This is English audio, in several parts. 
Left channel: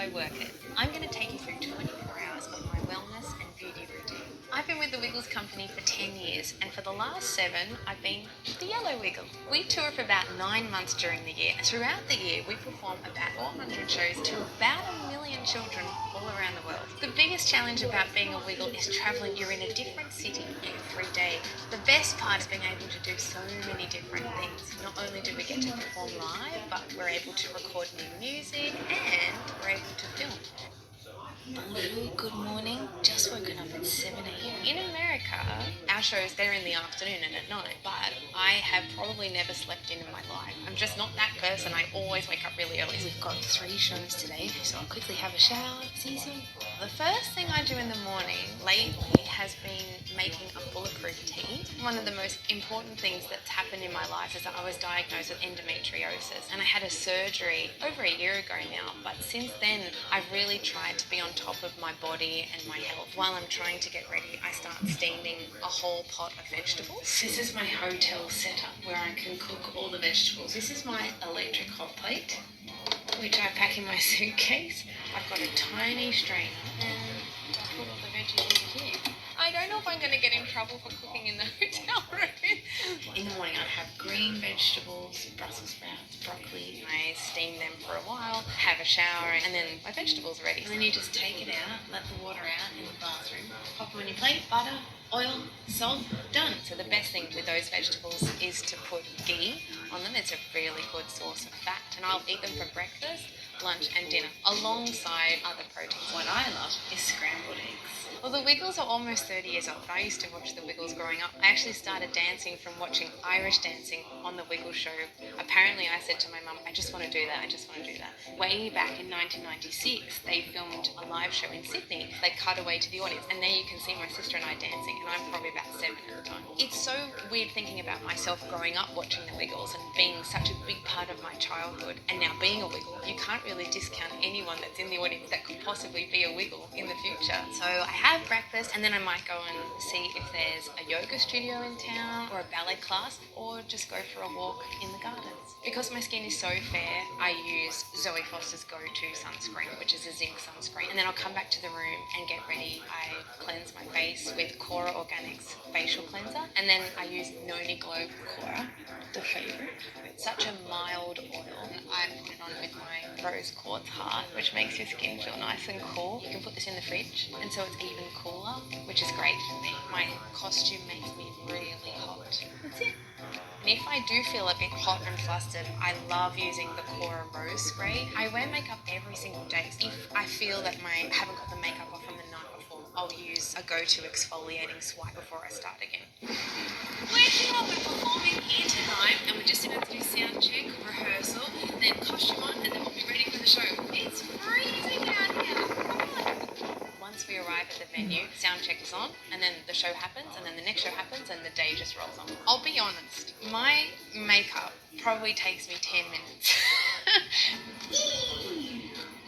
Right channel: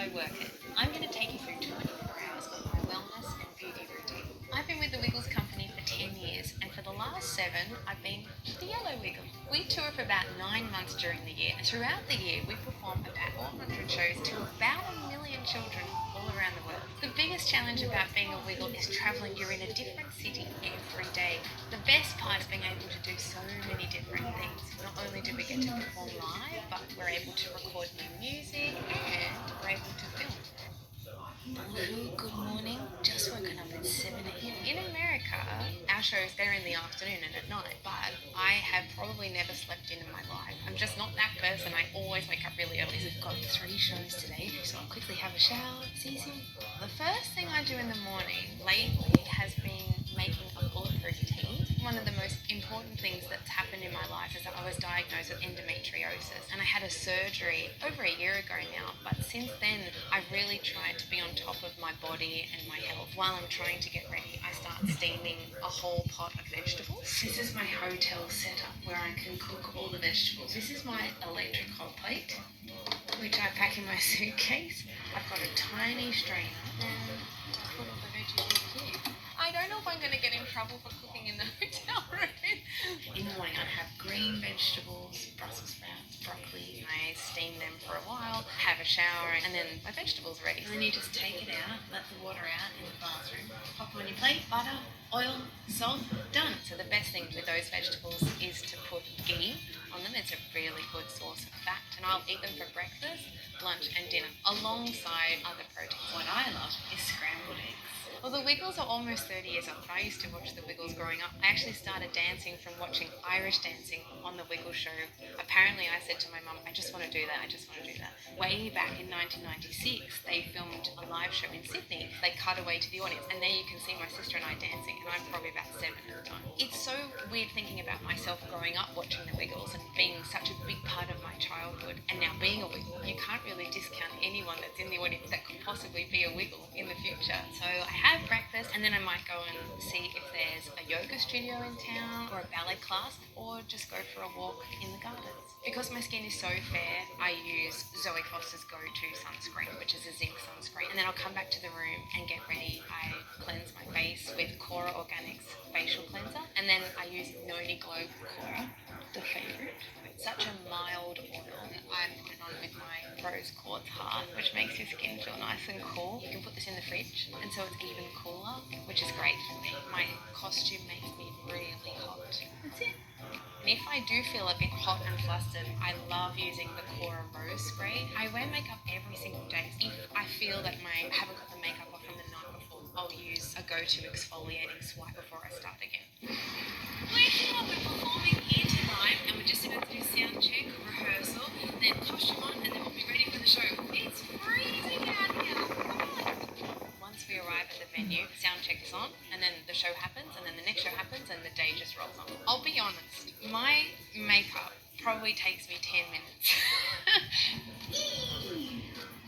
I work it. I'm going to take you through 24 hours of my wellness and beauty routine. I've been with the Wiggles company for 10 years, and for the last 7, I've been the Yellow Wiggle. We tour for about 9 months during the year, and throughout the year we perform about 400 shows to about 1 million children all around the world. The biggest challenge about being a Wiggle is travelling. You're in a different city every day. The best part is being able to do so many different things. Not only do we get to perform live, but we're able to record new music and we're able to film. Hello, good morning. Just woken up at 7 a.m. In America, our shows, they're in the afternoon and at night, but I have probably never slept in my life. I'm just not that person. I always wake up really early. We've got 3 shows today, so I'll quickly have a shower, see some. The first thing I do in the morning lately has been making a bulletproof tea. One of the most important things that's happened in my life is that I was diagnosed with endometriosis, and I had a surgery over a year ago now, but since then I've really tried to be on top of my body and my health. While I'm trying to get ready, I start steaming a whole pot of vegetables. This is my hotel setup where I can cook all the vegetables. This is my electric hot plate, which I pack in my suitcase. I've got a tiny strainer and I put all the veggies in here. I don't know if I'm going to get in trouble for cooking in the hotel room. In the morning I have green vegetables, Brussels sprouts, broccoli, and I steam them for a while, have a shower, and then my vegetables are ready. And then you just take it out, let the water out in the bathroom, pop them on your plate, butter, oil, salt, done. So the best thing with those vegetables is to put ghee on them. It's a really good source of fat, and I'll eat them for breakfast, lunch and dinner, alongside other proteins. What I love is scrambled eggs. Well, the Wiggles are almost 30 years old. I used to watch the Wiggles growing up. I actually started dancing from watching Irish dancing on the Wiggles show. Apparently, I said to my mum, I just want to do that, I just want to do that. Way back in 1996, they filmed a live show in Sydney. They cut away to the audience, and there you can see my sister and I dancing, and I'm probably about 7 at the time. It's so weird thinking about myself growing up watching the Wiggles and being such a big part of my childhood, and now being a Wiggle. You can't really discount anyone that's in the audience that could possibly be a Wiggle in the future. So I have breakfast, and then I might go and see if there's a yoga studio in town or a ballet class, or just go for a walk in the gardens. Because my skin is so fair, I use Zoe Foster's go-to sunscreen, which is a zinc sunscreen, and then I'll come back to the room and get ready. I cleanse my face with Cora Organics facial cleanser, and then I use Noni Glow Cora, the favourite. It's such a mild oil, and I put it on with my rose quartz heart, which makes your skin feel nice and cool. You can put this in the fridge, and so it's even cooler, which is great for me. My costume makes me really hot. That's it. And if I do feel a bit hot and flustered, I love using the Cora Rose Spray. I wear makeup every single day. If I feel that I haven't got the makeup off from the night before, I'll use a go-to exfoliating swipe before I start again. We're performing here tonight, and we're just about to do sound check, rehearsal, then costume on, and then we'll be ready for the show. It's freezing out here. Come on. Once we arrive at the venue, sound check is on, and then the show happens, and then the next show happens, and the day just rolls on. I'll be honest, my makeup probably takes me 10 minutes.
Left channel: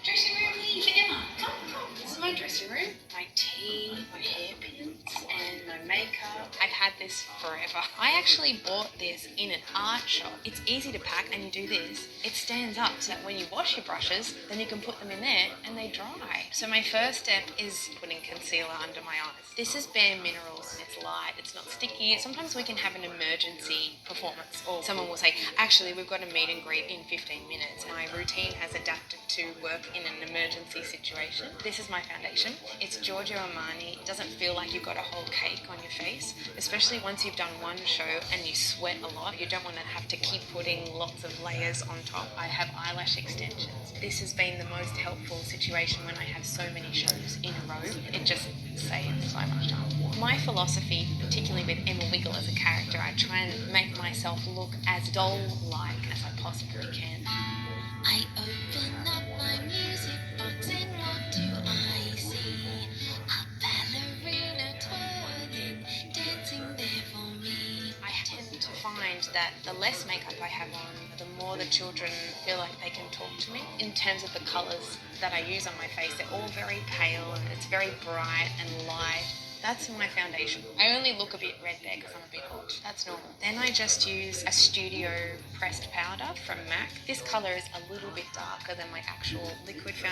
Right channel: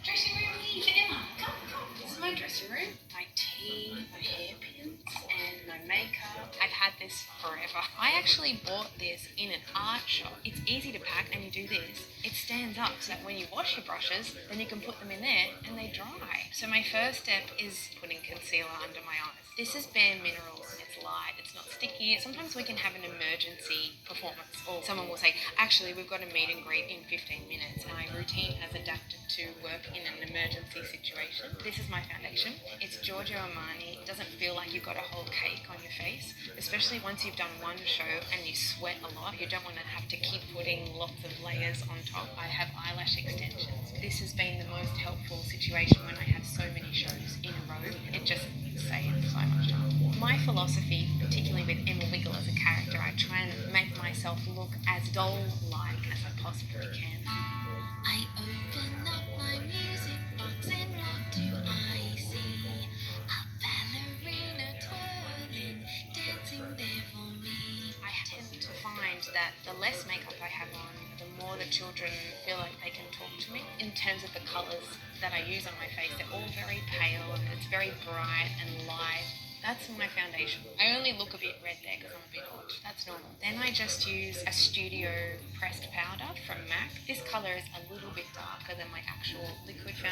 Dressing room here for Emma. Come. This is my dressing room. My tea, my hairpins, and my makeup. I've had this forever. I actually bought this in an art shop. It's easy to pack, and you do this. It stands up so that when you wash your brushes, then you can put them in there and they dry. So my first step is putting concealer under my eyes. This is Bare Minerals. It's light, it's not sticky. Sometimes we can have an emergency performance, or someone will say, actually, we've got a meet and greet in 15 minutes. My routine has adapted to work in an emergency situation. This is my foundation. It's Giorgio Armani. It doesn't feel like you've got a whole cake on your face, especially once you've done one show and you sweat a lot. You don't want to have to keep putting lots of layers on top. I have eyelash extensions. This has been the most helpful situation when I have so many shows in a row. It just saves so much time. My philosophy, particularly with Emma Wiggle as a character, I try and make myself look as doll-like as I possibly can. I open up my music box and what do I see? A ballerina twirling, dancing there for me. I tend to find that the less makeup I have on, the more the children feel like they can talk to me. In terms of the colours that I use on my face, they're all very pale and it's very bright and light. That's my foundation. I only look a bit red there because I'm a bit hot. That's normal. Then I just use a studio pressed powder from MAC. This colour is a little bit darker than my actual liquid foundation.